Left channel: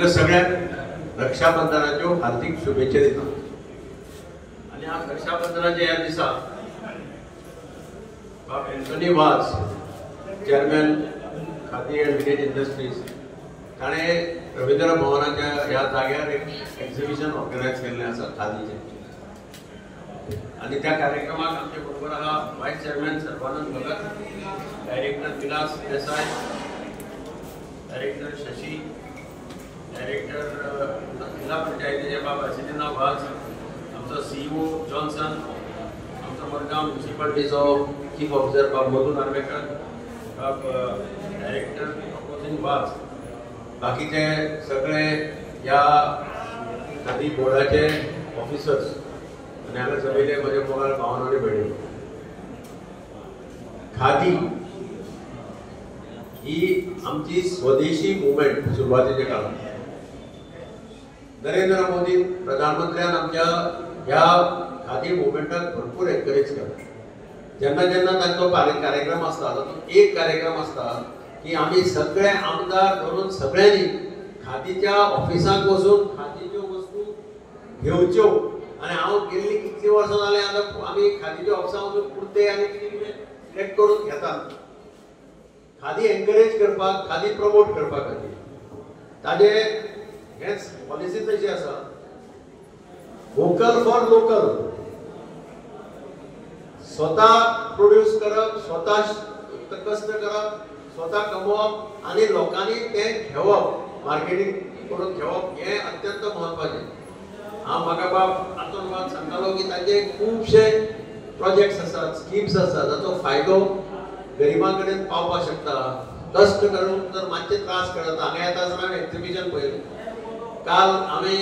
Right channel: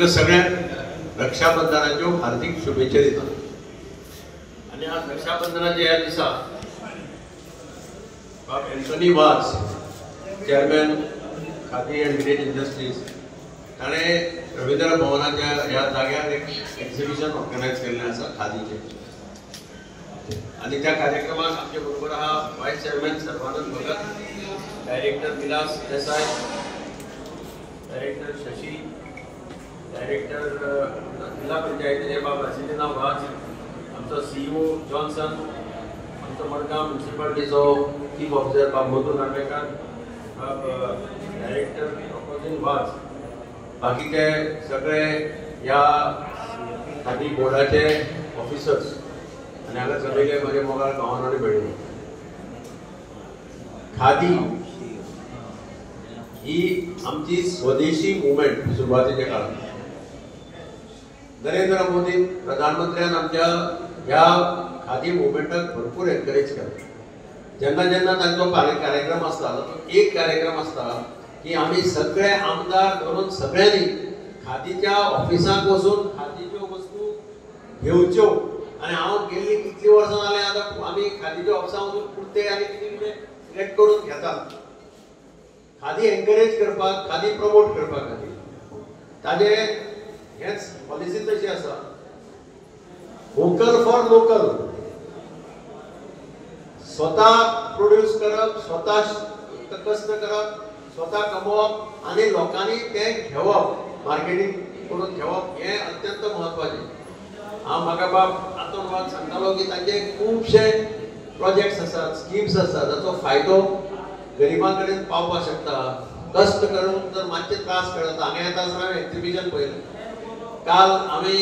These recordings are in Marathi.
तुमकां सगळ्यांक रक्षाबंधनाच्यो हार्दिक शुभेच्छा दिता। आनी आज रक्षाबंधनाच्या ह्या दिसा बाब एंटनी वाज chairman khadi end village industries ताणें रवींद्र भवनाच्या ह्या जाग्यार एक एक्झिबिशन ऑर्गनायज केल्लें आसा खादीचें। आणि त्या कार्यक्रमात आमचे बरोबर आहा vice chairman Sarvanand Bhagat, director Vilas Desai, director Shashi, director जिल्हा पंचायतीचे बाब हसिदीना वाज, आमचो सीईओ जॉन्सन, आमचो मडगांव म्युनिसिपालिटीचो चीफ ऑफिसर बाब मधु नार्वेकर, बाब डायरेक्टर ऑपोजिशन वाज, बाकीचे सगळे या खादी बोर्डाचे ऑफिसर्स आणि हांगा सगळे बरे मोगाळ भावान आनी भयणी। खादी ही आमची स्वदेशी मुवमेंट सुरवातीच्या काळात नरेंद्र मोदी प्रधानमंत्र्यान आमच्या ह्या खादी मुवमेंटाक भरपूर एनकरेज केला। जेन्ना जेन्ना तांचो कार्यक्रम आसता तो एक कार्यक्रम आसता की आम्ही सगळे आमदार धरून सगळ्यांनी खादीच्या ऑफिसांत वचून खादीच्यो वस्तू घेवच्यो। आणि हांव गेल्ली कितली वर्सां जालें आतां आमी खादीच्या ऑफिसांत वचून कुर्ते आनी कितें कितें सिलेक्ट करून घेतात। खादी एनकरेज करपाक, खादी प्रमोट करपा खातीर ताजे हेच पॉलिसी तशी आसा, वोकल फॉर लोकल। स्वता प्रोड्यूस करप, स्वता कष्ट करप, स्वता कमवप आणि लोकांनी ते घेवप, मार्केटिंग करून घेवप हे अत्यंत महत्वाचें। हांव म्हाका बाब हातूंत वाद सांगतालो की ताचे खुबशे प्रोजेक्ट्स आसात, स्किम्स आसात जाचो फायदो गरिबां कडेन पावपाक शकता। कष्ट करून जर मातशे त्रास कळटा, हांगा येता आसतना हांवें एक्झिबिशन पळयलें। काल आमी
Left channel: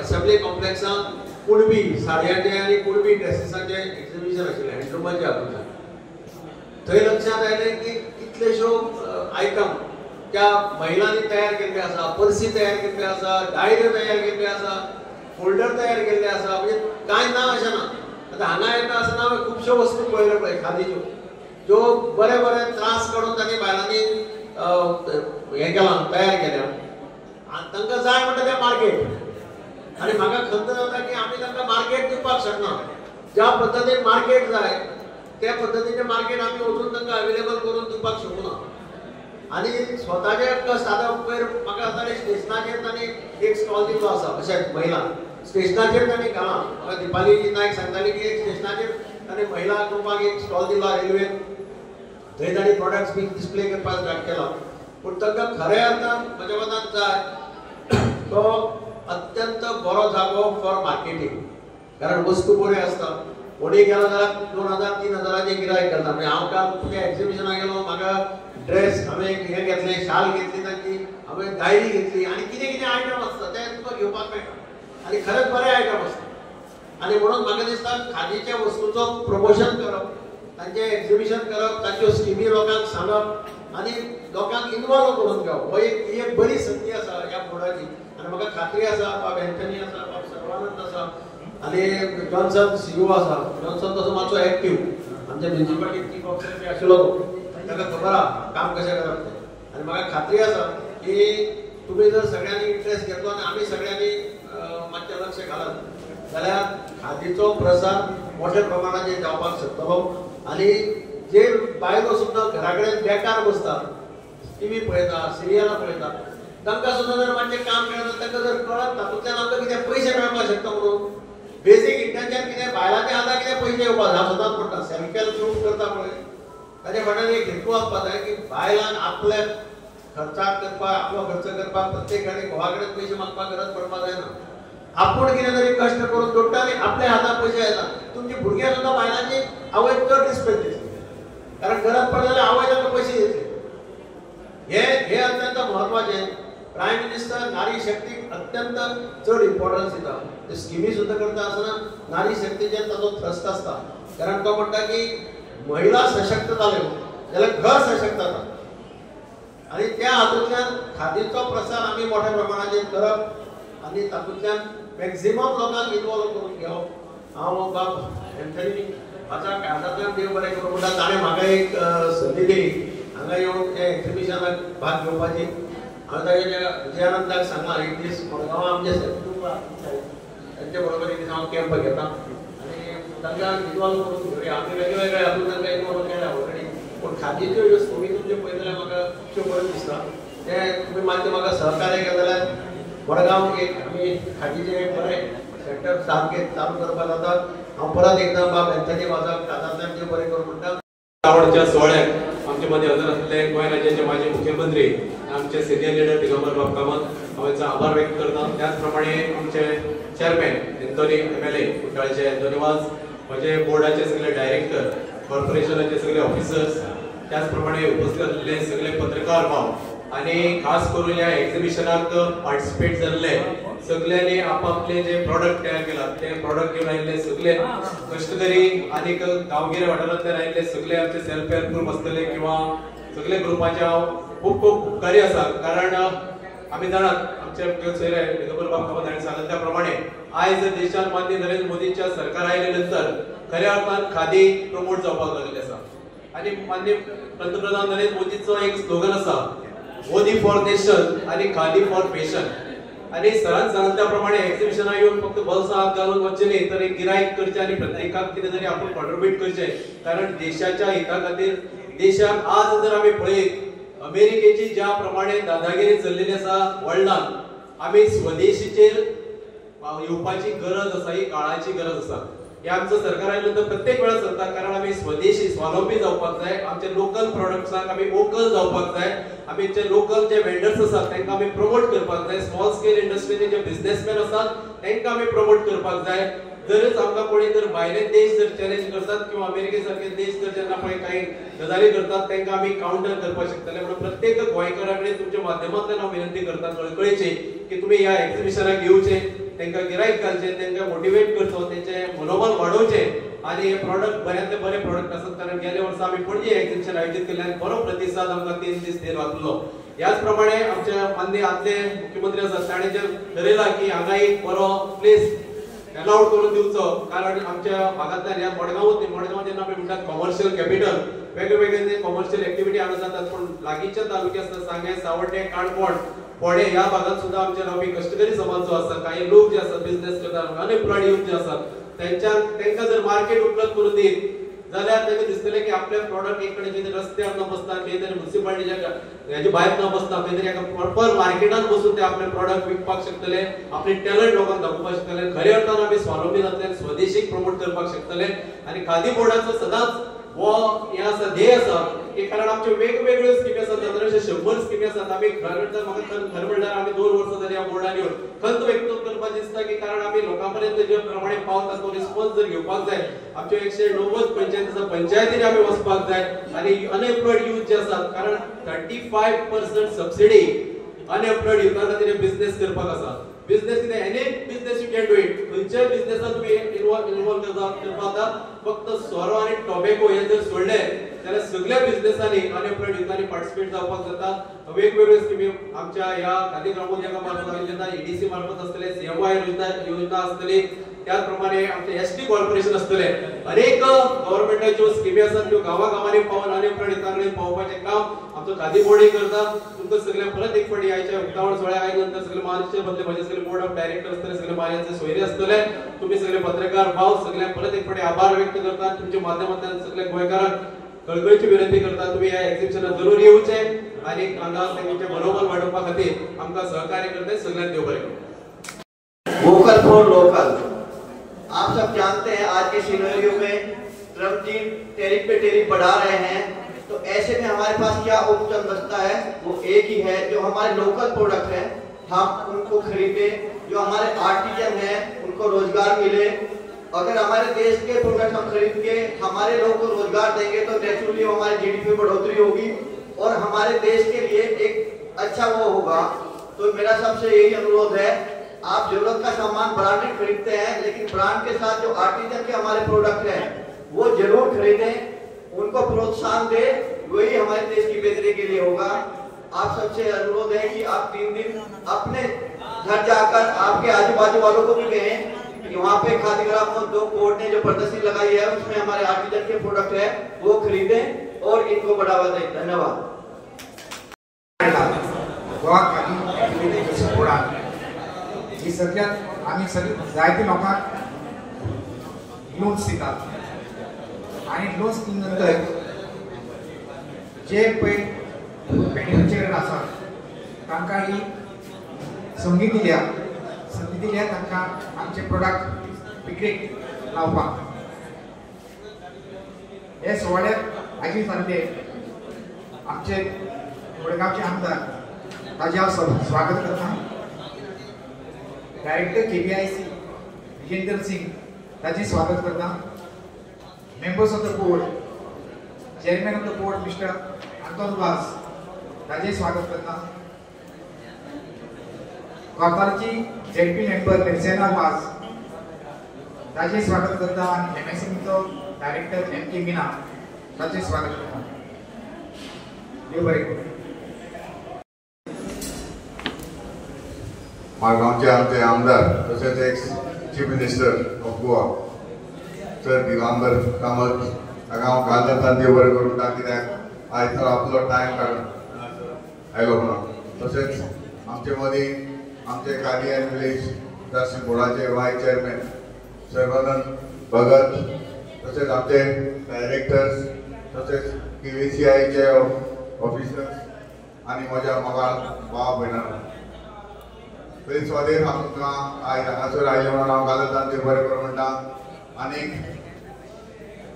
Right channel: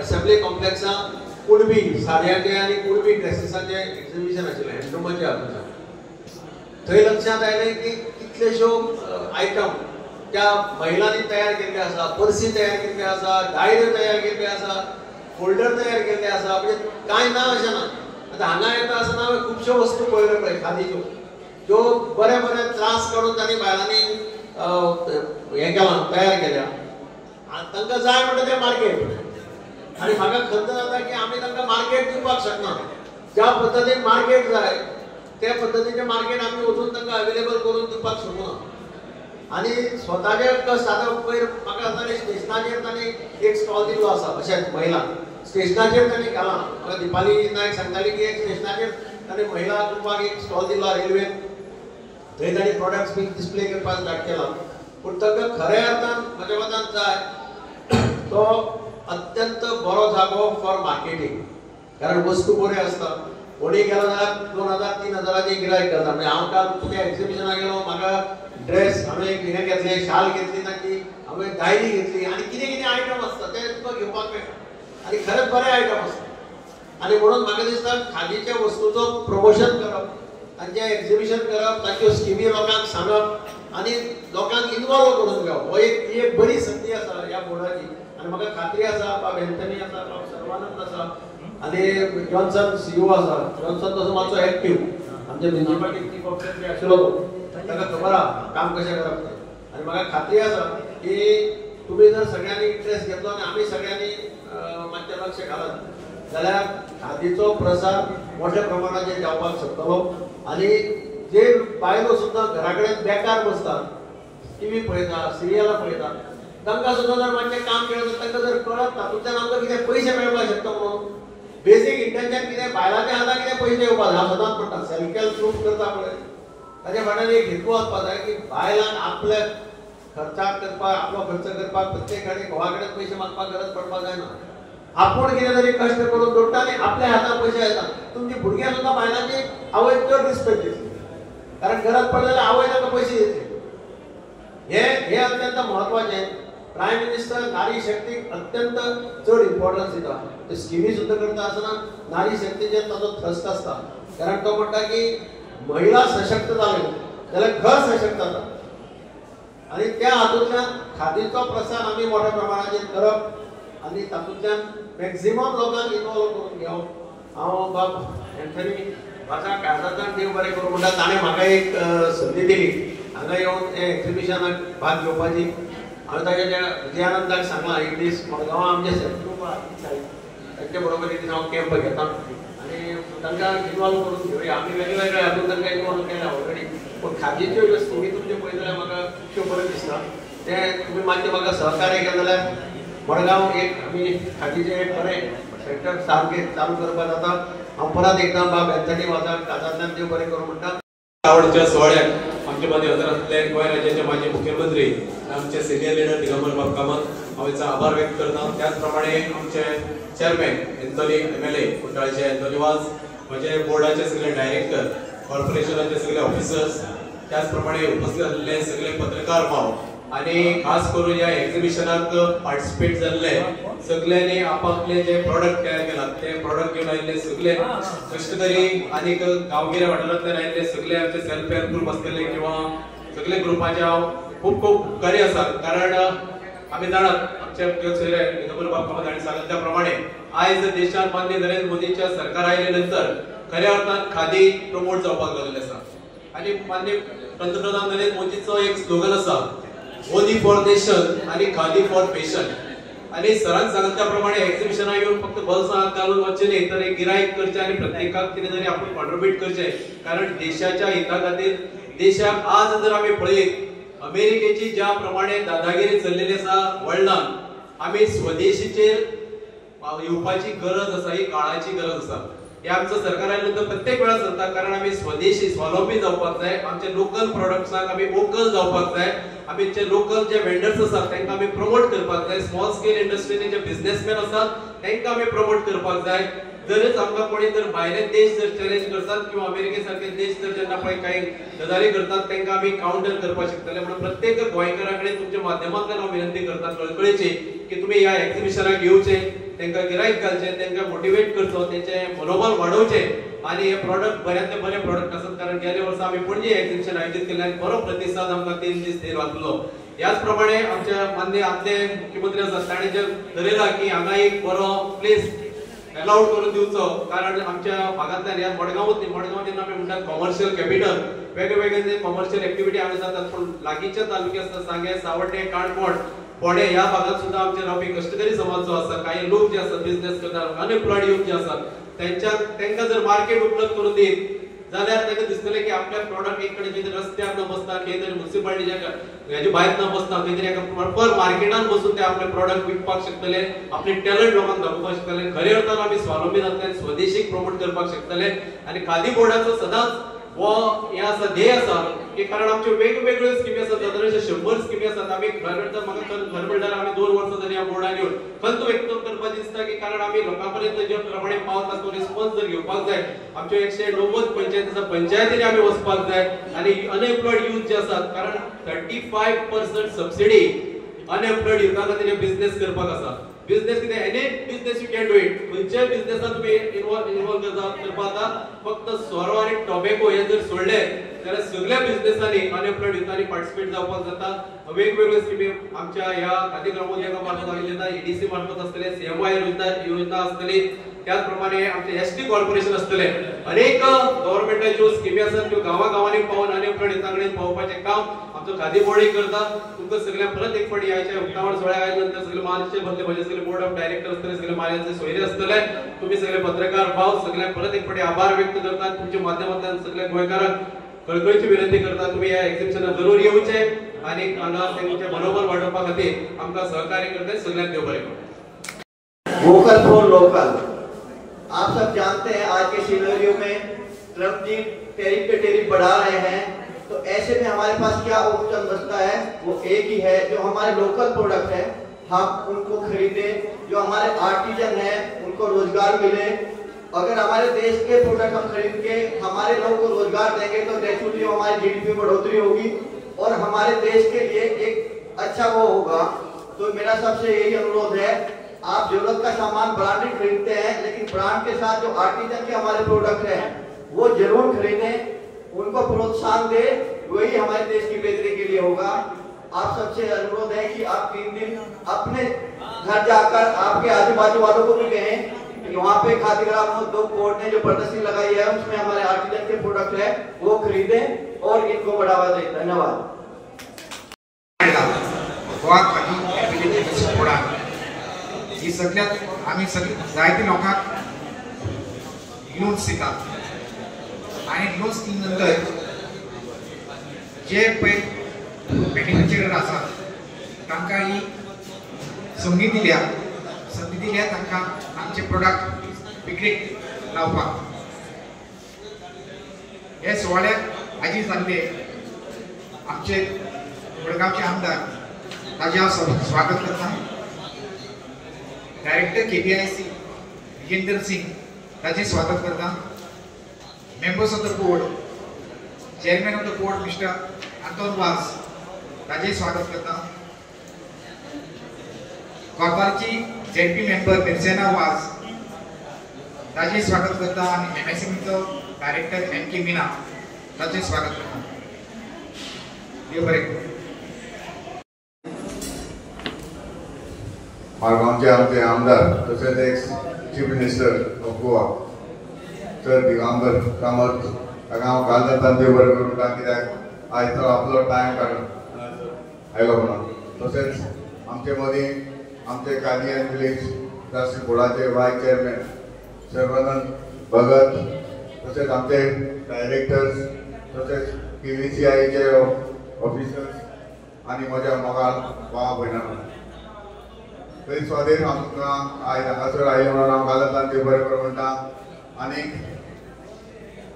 असेंब्ली कॉम्प्लेक्सांत कुणबी साडयांचे आनी कुणबी ड्रेसीसांचे एक्झिबिशन आशिल्लें हँडलुमाचें हातूंत। थंय लक्षांत आयलें की कितलेश्यो आयटम त्या महिलांनी तयार केल्ले आसा, पर्सी तयार केल्ले आसा, डायऱ्यो तयार केल्ले आसा, फोल्डर तयार केल्ले आसा, म्हणजे कांय ना अशें ना। आतां हांगा येता आसतना हांवें खुबश्यो वस्तू पळयल्यो पळय खादीच्यो, ज्यो बरे बरे त्रास काडून तांणी बायलांनी हें केलां, तयार केल्या। तांकां जाय म्हणटा तें मार्केट। आनी म्हाका खंत जाता की आमी तांकां मार्केट दिवपाक शकना। ज्या पद्दतीन मार्केट जाय त्या पद्दतीचें मार्केट आमी वचून तांकां अवेलेबल करून दिवपाक शकना। आणि स्वताचे कष्ट आतां पयर म्हाका जातालें स्टेशनाचेर तांणी एक स्टॉल दिल्लो आसा, अशेंच महिला स्टेशनाचेर तांणी केलां। दिपाली नायक सांगताली की एक स्टेशनाचेर तांणी महिला ग्रुपाक एक स्टॉल दिल्लो रेल्वेन, थंय तांणी प्रोडक्ट्स बी डिस्प्ले करपाक स्टार्ट केला। पूण तांकां खऱ्या अर्थान म्हज्या मतान जाय तो अत्यंत बरो जागो फॉर मार्केटिंग, कारण वस्तू बऱ्यो आसता। कोणी गेलो जाल्यार 2000-3000 गिरायक जाता। म्हणजे हांव काल तुज्या एक्झिबिशनाक गेलो, म्हाका ड्रेस हांवें हें घेतलें, शाल घेतली तांची, हांवें डायरी घेतली आनी कितें कितें आयटम आसता ते तुका घेवपाक मेळटा आनी खरेंच बरे आयटम आसता। आनी म्हणून म्हाका दिसता खादीच्या वस्तूचो प्रमोशन करप, तांचें एक्झिबिशन करप, तांच्यो स्किमी लोकांक सांगप आनी लोकांक इनवॉल्व करून घेवप, हो एक बरी संदी आसा ह्या बोर्डाची। आनी म्हाका खात्री आसा बाब एंथनी आसा, बाब सर्वानंद आसा आनी जॉन्सन सीईओ आसा। जॉन्सन तसो मातसो एक्टीव आमच्या म्युनिसिपालिटी चीफ ऑफिसर बी आशिल्लो ताका खबर आहा काम कशें करप तें। आनी म्हाका खात्री आसा की तुमी जर सगळ्यांनी इंट्रेस्ट घेतलो आनी आमी सगळ्यांनी मातशें लक्ष घालत जाल्यार खादीचो प्रसार मोठ्या प्रमाणाचेर जावपाक शकतलो। आनी जे बायलो सुद्दां घरा कडेन बेकार बसतात, टीव्ही पळयतात, सिरियलां पळयतात, तांकां सुद्दां जर मातशें काम मेळत, तांकां जर कळत तातूंतल्यान आमकां कितें पयशे मेळपाक शकता म्हणून बेसीक इंटेन्शन कितें बायलांच्या हातांत कितें पयशे येवपाक जाय। हांव सदांच म्हणटा सेल्फ हेल्प ग्रूप करता पळय ताचे फाटल्यान एक हेतू आसपाक जाय की बायलांक आपले खर्चाक करपाक, आपलो खर्च करपाक प्रत्येकाने घोवा कडेन पयशे मागपाक गरज पडपाक जायना। आपूण कितें तरी कश्ट करून जोडटा आनी आपल्या हातांत पयशे येता। तुमची भुरग्यां सुद्दां बायलांची आवय चड रिस्पेक्ट दितली, कारण गरज पडली जाल्यार आवय ताका पयशे दितली। हे अत्यंत महत्वाचें। प्रायम मिनिस्टर नारी शक्तीक अत्यंत चड इम्पॉर्टन्स दिता। ते स्किमी सुद्दां करता आसतना नारी शक्तीचेर ताचो थ्रस्ट आसता, कारण तो म्हणटा की महिला सशक्त जाल्यो जाल्यार घर सशक्त जाता। आनी त्या हातूंतल्यान खादीचो प्रसार आमी मोठ्या प्रमाणाचेर करप आनी तातूंतल्यान मॅक्झिमम लोकांक इनवॉल्व करून घेवप। हांव बाब एंथनी म्हाका काळजांतल्यान देव बरें करूं म्हणटा, ताणें म्हाका एक संदी दिली हांगा येवन ते एक्झिबिशनाक भाग घेवपाची। हांवें ताच्या विजयानंदाक सांगलां एक दीस मडगांव आमचे ग्रूप तांचे बरोबर एक दीस हांव कॅम्प घेता आनी तांकां इनवॉल्व करून घेवया आमी वेगवेगळे हातूंत तांकां इनवॉल्व केल्या ऑलरेडी पूण खादीच्यो ज्यो स्किमी तुमचे पळयत जाल्यार म्हाका त्यो बऱ्यो दिसता ते तुमी मातशें म्हाका सहकार्य केलें जाल्यार मडगांव एक आमी खादीचें एक बरें सेक्टर सारकें चालू करपाक जाता हांव परत एकदम बाब एंथनी वाजाक काजांतल्यान देव बरें करूं म्हणटा आवडच्या सोहळ्याक आमचे मदीं हजर आसले गोंय राज्याचे माजी मुख्यमंत्री आमचे सिनियर लीडर दिगंबर बाब कामत हांवें आभार व्यक्त करता त्याच प्रमाणे आमचे चेअरमॅन एंथनी MLA कुट्टाळचे एंथनी वाज म्हजे बोर्डाचे सगळे डायरेक्टर कॉर्पोरेशनाचे सगळे ऑफिसर्स त्याच प्रमाणे उपस्थित आसलेले सगळे पत्रकार भाव आणि खास करून या एक्झिबिशनाक पार्टिसिपेट जाल्ले सगळ्यांनी आपापले जे प्रोडक्ट तयार केला ते प्रोडक्ट घेऊन आयिल्ले सगळे कष्टकरी आणि गांवगिऱ्या वाठारांतल्यान आयिल्ले सगळे आमचे सेल्फ हेल्प ग्रुप आसतले किंवा सगळे ग्रुपाचे खूप खूप उपकारी आसा कारण आमी जाणात आमचे सोयरे दिगंबर बाब कामत हांणी सांगले त्या प्रमाणे आयज देशांत माननीय नरेंद्र मोदीच्या सरकार आयले नंतर खऱ्या अर्थान खादी प्रमोट जावपाक लागले आसा आणि माननीय पंतप्रधान नरेंद्र मोदीचो एक स्लोगन आसा मोदी फॉर नेशन आणि खादी फॉर पेशन आणि सरांनी सांगले त्याप्रमाणे एक्झिबिशनाक येऊन फक्त बल्सां घालून वचचे न्ही तर एक गिरायक करचे आणि प्रत्येकाक कितें तरी आपण कॉन्ट्रिब्यूट करचे कारण देशाच्या हिता खातीर देशाक आज जर आमी पळयत अमेरिकेची ज्या प्रमाणे दादागिरी चल्लेली आसा वर्ल्डान आमी स्वदेशीचेर येवपाची गरज आसा ही काळाची गरज आसा हे आमचं सरकार आयिल्ल्यानंतर प्रत्येक वेळा चलता कारण आमी स्वदेशी स्वावलंबी जावपाक जाय आमचे लोकल प्रोडक्ट्साक आमी वोकल जावपाक जाय आमचे लोकल जे वेंडर्स आसात तांकां आमी प्रमोट करपाक जाय स्मॉल स्केल इंडस्ट्रीचे जे बिझनेसमॅन आसात तांकां आमी प्रमोट करपाक जाय जरच आमकां कोणी जर भायले देश जर चॅलेंज करतात किंवा अमेरिके सारखे देश जर जेन्ना पळय काही गजाली करतात तांकां आमी काउंटर करपाक शकतले म्हणून प्रत्येक गोंयकारा कडेन तुमच्या माध्यमांतल्यान हांव विनंती करता कळकळीची की तुमी ह्या एक्झिबिशनाक येवचे तांकां गिरायक घालचे तांकां मोटिवेट करचो तेंचे मनोबल वाडोवचे आणि हे प्रोडक्ट बऱ्यांतले बरे प्रोडक्ट आसात कारण गेल्या वर्सा आमी पणजी एक्झिबिशन आयोजीत केल्ले आनी बरो प्रतिसाद आमकां 3 दीस थंय लागलो याच प्रमाणे आमचे माननीय आदले मुख्यमंत्री आसात ताणें जे ठरयलां की हांगा एक बरो प्लेस अलाउड करून दिवचो कारण आमच्या भागांतल्यान ह्या मडगांव जेन्ना आमी म्हणटात कॉमर्शियल कॅपिटल वेगवेगळे जे कॉमर्शियल एक्टिविटी हांगा जातात पूण लागींचे तालुके आसतात सांगे सावड्डे काणकोण फोडे ह्या भागात सुद्धा आमचे रावपी कष्टकरी समाज जो आसा काही लोक जे आसात बिझनेस करतात अनएम्प्लॉयड यूथ जे आसात तांकां जर मार्केट उपलब्ध करून दित जाल्यार ताका दिसतलें की आपले प्रोडक्ट एक कडेन कितें रस्त्यार न बसता खंय तरी म्युनिसिपालिटीच्या हेजे भायर न बसता खंय तरी एका प्रॉपर मार्केटान बसून ते आपले प्रोडक्ट विकपाक शकतले आपले टॅलंट लोकांक दाखोवपाक शकतले खऱ्या अर्थान आमी स्वावलंबी जातले स्वदेशीक प्रमोट करपाक शकतले आनी खादी बोर्डाचो सदांच वो हे आसा ध्येय आसा की कारण आमच्यो वेगवेगळ्यो स्किमी आसात जर 100 स्किमी आसात आमी खरें म्हणल्यार आमी 2 वर्सां जाली ह्या बोर्डान येवन खंत व्यक्त करपाक दिसता की कारण आमी लोकां पर्यंत जे प्रमाणे पावता तो रिस्पॉन्स जर घेवपाक जाय आमच्यो 190 पंचायत आसा पंचायतींनी आमी वचपाक जाय आनी अनएम्प्लॉयड यूथ जे आसात कारण 35% सबसिडी अनएम्प्लॉयड युथा खातीर बिझनेस करपाक आसा बिझनेस कितें any business you can do it खंयच्याय बिझनेसांत तुमी इन्वॉल्व करपाक फक्त सोरो आनी टोबॅको हे जर सोडले जाल्यार सगळ्या बिझनेसांनी अनएम्प्लॉयड युथांनी पार्टिसिपेट जावपाक जाता वेगवेगळ्यो स्किमी आमच्या ह्या खादी ग्रामोद्योगा मार्फत आयिल्ल्या EDC मार्फत आसतले CMY योजना आसतली त्याच प्रमाणे आमचे ST कॉर्पोरेशन आसतले अनेक गव्हर्नमेंटाच्यो स्किमी आसात त्यो गांवागांवांनी पावून अनएम्प्लॉयड युथा कडेन पावोवपाचें काम आमचो खादी बोर्डय करता तुमकां सगळ्यांक परत एक फावटी आयच्या उक्तावण सोहळ्याक आयल्या नंतर सगळे महाराष्ट्र बदले म्हजे सगळे बोर्ड ऑफ डायरेक्टर आसतले सगळे महाराष्ट्राचे सोयरे आसतले तुम्ही सगळे पत्रकार भाव सगळ्यांक परत एक फावटी आभार व्यक्त करता तुमच्या माध्यमांतल्यान सगळ्या गोंयकारांक कळकळीची विनंती करता तुम्ही ह्या एक्झिबिशनाक जरूर येवचे आणि तेंचे मनोबल वाडोवपा खातीर आमकां सहकार्य करते सगळ्यांक देव बरें करूं वोकल फॉर लोकल आप सब जानते हैं आज के सिनेरियो में ट्रम्प जी टैरिफ पे टैरिफ बढ़ा रहे हैं तो ऐसे में हमारे पास क्या ऑप्शन बचता है वो एक ही है जो हमारे लोकल प्रोडक्ट है हम उनको खरीदें जो हमारे आर्टिजन हैं उनको रोजगार मिले अगर हमारे देश के प्रोडक्ट हम खरीद के हमारे लोगों को रोजगार देंगे तो नेचुरली हमारी GDP में बढ़ोतरी होगी और हमारे देश के लिए एक अच्छा वो होगा तो मेरा सबसे यही अनुरोध है आप जरूरत का सामान ब्रांडेड खरीदते हैं लेकिन ब्रांड के साथ जो आर्टिजन के हमारे प्रोडक्ट हैं वो जरूर खरीदें उनको प्रोत्साहन दें वही हमारे देश की बेहतरी के लिए होगा आप सबसे अनुरोध है कि आप 3 दिन अपने घर जाकर आपके आजू बाजू वालों को भी कहें कि वहाँ पे खादी ग्राम दो बोर्ड ने जो प्रदर्शनी लगाई है उसमें हमारे आर्टिजन के प्रोडक्ट है वो खरीदें और इनको बढ़ावा दें धन्यवाद गोवा खादी एप्लिकेशन बोर्डान ही सगळ्यात आम्ही सगळे जायते लोकांक लोन्स दितात आणि लोन्स दिले नंतर जे पळय बेनिफिशियरी आसा तांकां ही संधी दिल्या तांकां आमचे प्रोडक्ट विक्रेक लावपाक हे सुवाळ्याक आजी जाल्ले आमचे वडगांवचे आमदार ताजे हांव स्वागत करता डायरेक्टर KPIC विजेंद्र सिंग ताजे स्वागत करता members of the board chairman of the board mister Anton वाज ताजे स्वागत करता कॉर्पाची ZP मेंबर मिर्सेना वाज ताजे स्वागत करता आणि MSMEचो डायरेक्टर MK मीना ताजे स्वागत करता देव बरें करूं मारगांवचे आमचे आमदार तसेच ex chief minister of Goa sir Digambar Kamat ताका हांव घाल जाता देव बरें करूं कित्याक आयज तर आपलो टायम काडून आयलो म्हणून तशेंच आमचे मदीं आमचे खादी एंड विलेज राष्ट्रीय बोर्डाचे वायस चेअरमॅन सर्वानंद भगत तसेच आमचे डायरेक्टर्स तसेच PVCIचे ऑफिसर्स आणि म्हज्या मोगाळ भाव भयणां तरी स्वादेर आमकां आयज हांगासर आयले म्हणून हांव घाल जाता देव बरें करूं म्हणटा आनी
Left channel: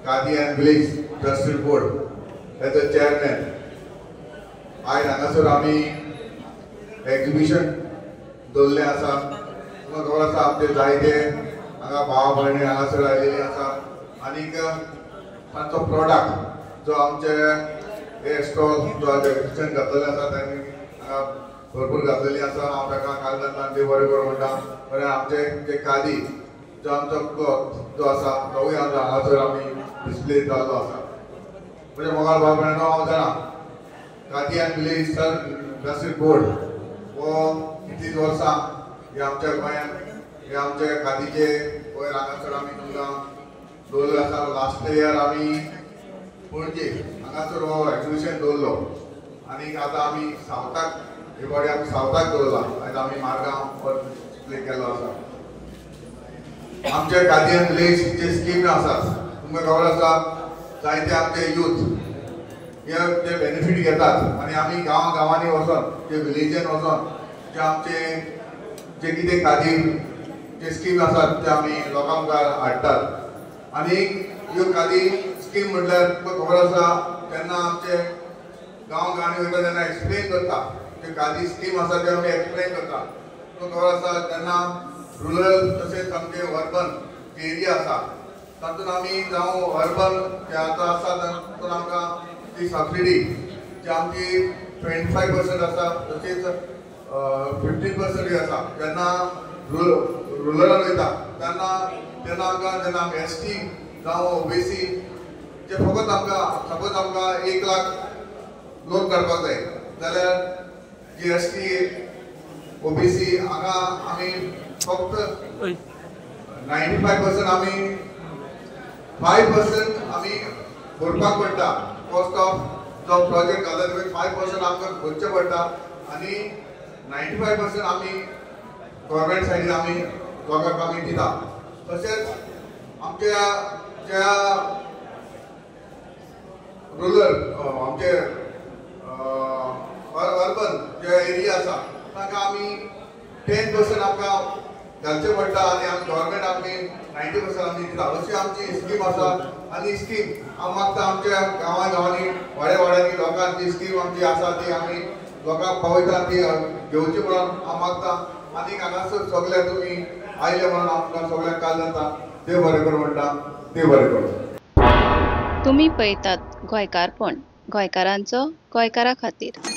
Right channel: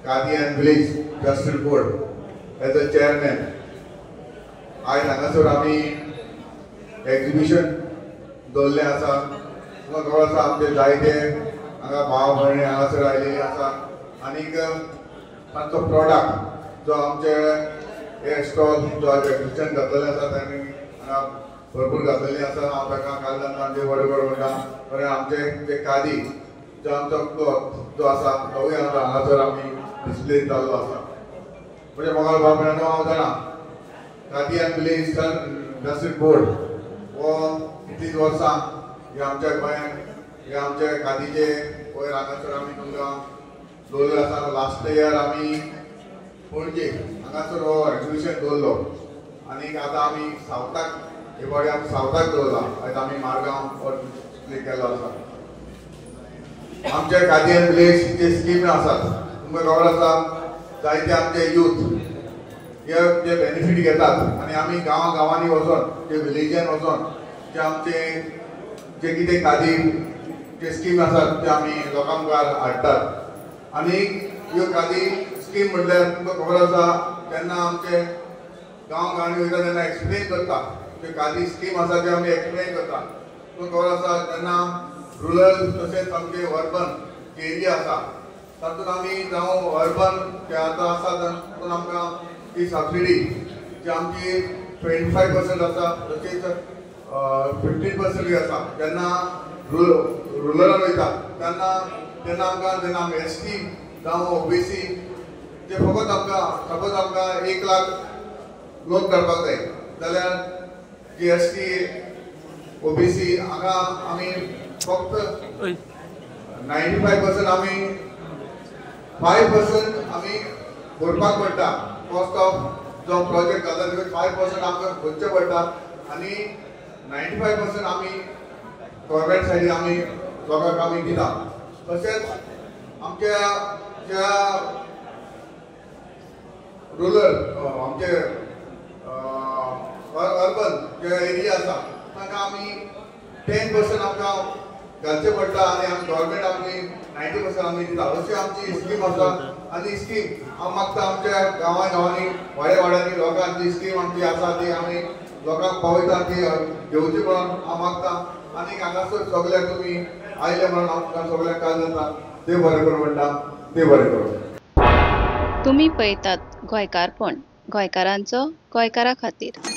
खादी एंड विलेज राष्ट्रीय बोर्ड एज अ चेअरमॅन आयज हांगासर आमी एक्झिबिशन दवरलें आसा तुमकां खबर आसा आमचे जायते हांगा भाव भयणी हांगासर आयिल्ले आसा आनीक तांचो प्रोडक्ट जो आमचे हे स्टॉल जो एक्झिबिशन घातलेलें आसा तांणी हांगा भरपूर घातलेली आसा हांव ताका घाल जाता देव बरें करूं म्हणटा कारण आमचे जे खादी जो आमचो क्लॉथ जो आसा तोवूय हांगासर आमी डिस्प्ले जाल्लो आसा म्हणजे मोगाळ भाव भयणांनो हांव जाणा खादी एंड विलेज राष्ट्रीय बोर्ड हो कितलींच वर्सां हे आमच्या गोंयांत हे आमचे खादीचे वयर हांगासर आमी तुमकां दवरलें आसा लास्ट इयर आमी पणजे हांगासर हो एक्झिबिशन दवरलो आनीक आतां आमी सावथाक हे फावटी आमी सावथाक दवरला आयज आमी मारगांव हो डिस्प्ले केल्लो आसा आमचे खादी एंड विलेजचे स्कीम आसात तुमकां खबर आसा जायते आमचे यूथ हे बेनिफीट घेतात आनी आमी गांवांनी वचोन जे विलेजान वचोन जे आमचे जे कितें खादी जे स्कीम आसात ते आमी लोकां मुखार हाडटात आनी ह्यो खादी स्कीम म्हटल्यार तुमकां खबर आसा तेन्ना आमचे गांवांनी वयता तेन्ना एक्सप्लेन करता जे खादी स्कीम आसा ते आमी एक्सप्लेन करता तुमकां खबर आसा तेन्ना रुरल तशेंच आमचे अर्बन जे एरिया आसा तातूंत आमी जावं अर्बन जे आतां आसा तातूंत आमकां ती सबसिडी जी आमची 25% आसा तशेंच 15% आसा जेन्ना रुरल वयता तेन्ना आमकां जेन्ना आमी ST जावं OBC जे फकत आमकां सपोज आमकां 1 लाख लोन काडपाक जाय जाल्यार जी ST OBC हांगा आमी फक्त 95% आमी 5% आमी भरपाक पडटा कॉस्ट ऑफ जो प्रोजेक्ट घातला तेजे 5% आमकां भरचें पडटा आनी 95% आमी गव्हर्मेंट सायडीन आमी लोकांक आमी दिता तशेंच आमच्या ज्या रुरल आमचे अर्बन जे एरिया आसा तांकां आमी 10% आमकां घालचें पडटा आनी आमी गव्हर्मेंट आमी 90% आमी दिता अशी आमची स्कीम आसा आनी स्कीम हांव मागता आमच्या गांवांनी वाड्यांनी लोकांक जी स्कीम आमची आसा ती आमी लोकांक पावयता ती घेवची म्हणून हांव मागता आनी हांगासर सगळे तुमी आयले म्हणून आमकां सगळ्यांक काल जाता देव बरें करूं म्हणटा देव बरें करूं तुम्ही पळयतात गोंयकारपण गोंयकारांचो गोंयकारा खातीर